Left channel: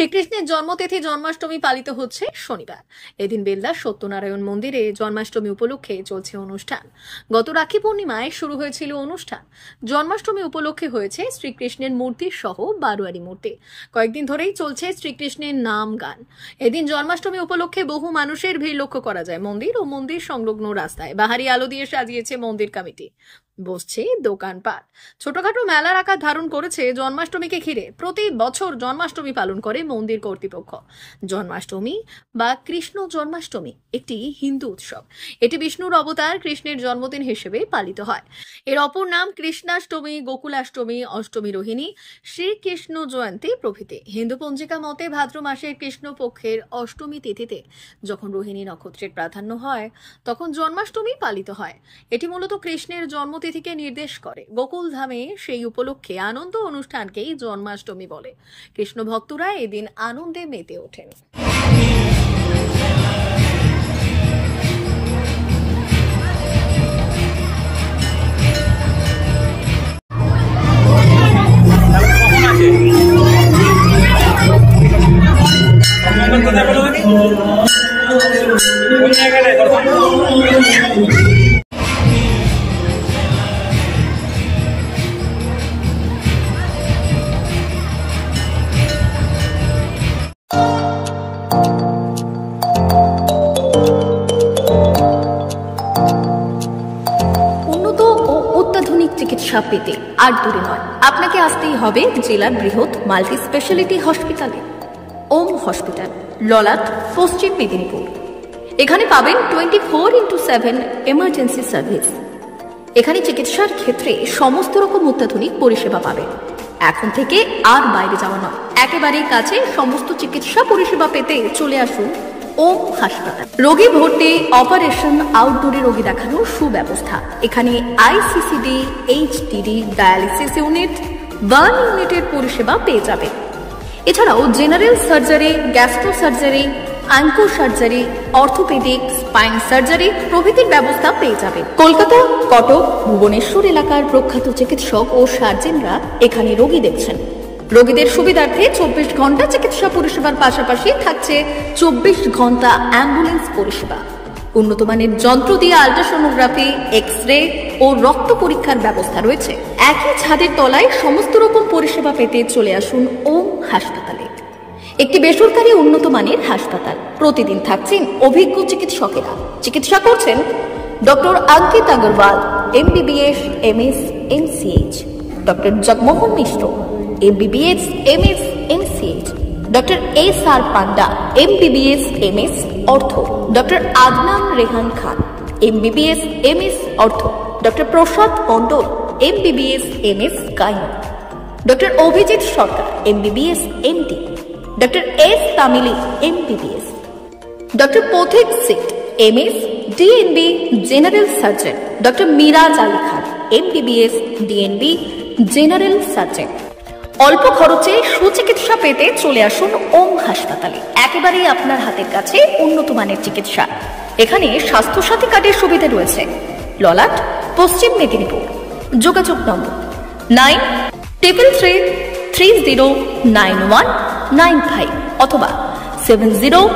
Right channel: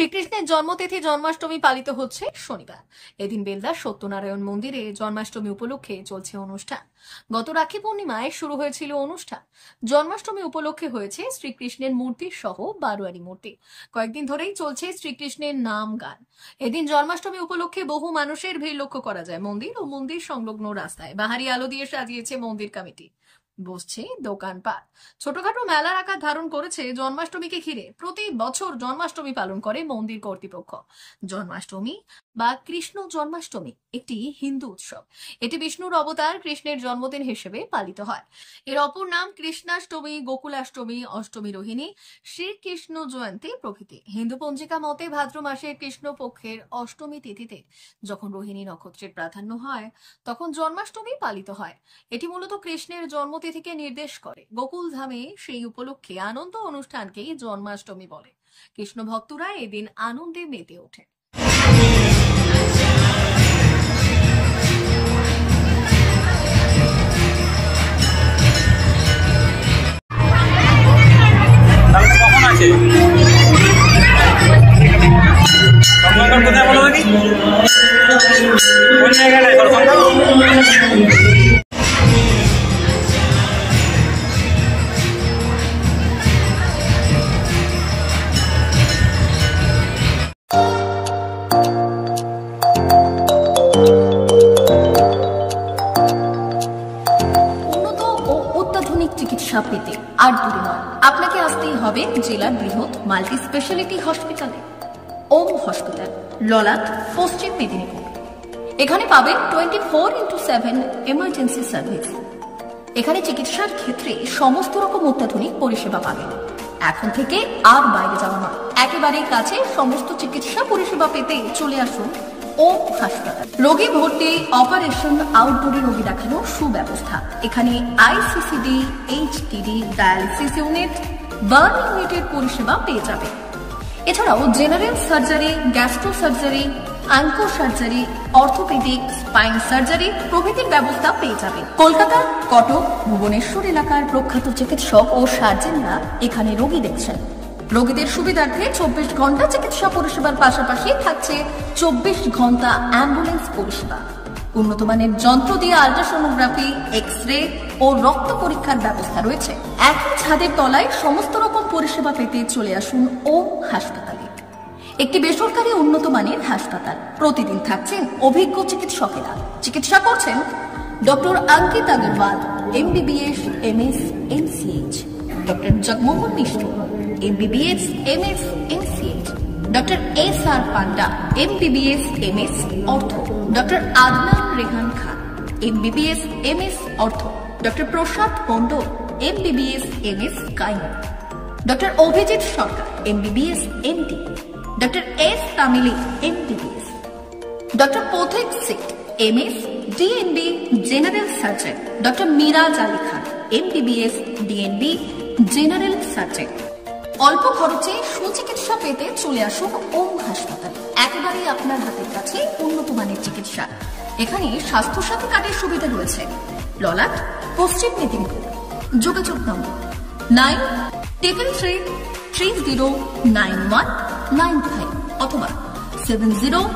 শ্রীকৃষ্ণের জন্মতিথি জন্মাষ্টমী পালিত হচ্ছে শনিবার। এদিন বেলদার সত্যনারায়ণ মন্দিরে জন্মাষ্টমী উপলক্ষে চলছে অনুষ্ঠান। গত রাখি পূর্ণিমায় শুরু হয়েছিল অনুষ্ঠান। জন্মাষ্টমী উপলক্ষে হয়েছে শ্রীকৃষ্ণের মূর্তি সহ বারোয়ারি মূর্তি। কয়েকদিন ধরেই চলছে শ্রীকৃষ্ণের নাম গান। এদিন জন্মাষ্টমী উপলক্ষে বহু মানুষের ভিড় লক্ষ্য করা যায়। মন্দির ও মন্দির সংলগ্ন রাস্তায় বাহারি আলো দিয়ে সাজিয়েছে মন্দির কমিটি। বসছে দোকানপাট। ছোটখাটো মেলার আকার ধারণ করেছে জন্মাষ্টমীকে ঘিরে। প্রতি বছর জন্মাষ্টমী পালন করে মন্দির কর্তৃপক্ষ। জন্মাষ্টমী বা কৃষ্ণ জন্মাষ্টমী একটি হিন্দু উৎসব। এটি বিষ্ণুর অবতার কৃষ্ণের জন্মদিন হিসেবে পালিত হয়। এর অপর নাম কৃষ্ণাষ্টমী, গোকুলাষ্টমী, অষ্টমী রোহিণী, শ্রীকৃষ্ণ জয়ন্তী প্রভৃতি। হিন্দু পঞ্জিকা মতে ভাদ্র মাসের কৃষ্ণপক্ষের অষ্টমী তিথিতে যখন রোহিণী নক্ষত্রের প্রাধান্য হয় তখন জন্মাষ্টমী পালিত হয়। এটি মূলত কৃষ্ণের জন্মতিথিকে নির্দেশ করে। গোকুল ধামে সেই উপলক্ষে আনন্দ অনুষ্ঠানকেই জন্মাষ্টমী বলে। কৃষ্ণ ভক্তরা এদিন আনন্দে মেতে ওঠেন। উন্নত ও অত্যাধুনিক চিকিৎসা পেতে আর দূরে নয়, আপনাকে আসতেই হবে জেলার বৃহৎ মাল্টি স্পেশালিটি হসপিটালে। ওম হসপিটাল, ললাট, পশ্চিম মেদিনীপুর। এখানে পাবেন 24x7 এমার্জেন্সি সার্ভিস। এখানে চিকিৎসার ক্ষেত্রে সমস্ত রকম অত্যাধুনিক পরিষেবা পাবেন। এখন থেকে আর বাইরে যাওয়া নয়, একেবারেই কাছে সমস্ত চিকিৎসা পরিষেবা পেতে চলে আসুন ওম হাসপাতাল। রোগী ভর্তি, অপারেশন, আউটডোরে রোগী দেখানোর সুব্যবস্থা। এখানে ICCD, HDD, dialysis unit, burn ইউনিটের পরিষেবা পেয়ে যাবেন। এছাড়াও general surgery, gastro surgery, onco surgery, orthopaedic, spine surgery প্রভৃতির ব্যবস্থা পেয়ে যাবে। কলকাতা, কটক, ভুবনেশ্বর এলাকার প্রখ্যাত চিকিৎসক ও সার্জেনরা এখানে রোগী দেখছেন। রোগীদের সুবিধার্থে 24 ঘন্টা চিকিৎসা পরিষেবার পাশাপাশি থাকছে 24 ঘন্টা অ্যাম্বুলেন্স পরিষেবা। উন্নত মানের যন্ত্র দিয়ে আল্ট্রাসোনোগ্রাফি, এক্স-রে ও রক্ত পরীক্ষার ব্যবস্থা রয়েছে। একই ছাদের তলায় সমস্ত রকম পরিষেবা পেতে চলে আসুন ওম হাসপাতালে। একটি বেসরকারি উন্নত মানের হাসপাতাল। প্রতিদিন থাকছেন অভিজ্ঞ চিকিৎসকেরা। চিকিৎসা করছেন doctor Ankit Agarwal, MBBS, MS, MCH, doctor Jagmohan Mishra, MBBS, MS, MCH, doctor SR Panda, MBBS, MS, ortho, doctor Adnan Rehan Khan, MBBS, MS, ortho, doctor Prasad Mondal, MBBS, MS, gynae, doctor Abhijit Sarkar, MBBS, MD, doctor S তামিলি, MBBS, ডক্টর পথিক সিট, MS, DNB, general surgeon, doctor Miraj Ali Khan, MBBS, DNB, general surgeon. অল্প খরচে সুচিকিৎসা পেতে চলে আসুন ওম হাসপাতালে। একেবারেই আপনার হাতের কাছে উন্নত মানের চিকিৎসা। এখানে স্বাস্থ্যসাথী কার্ডের সুবিধা রয়েছে। ললাট, পশ্চিম মেদিনীপুর। যোগাযোগ নম্বর 9333309195 অথবা 70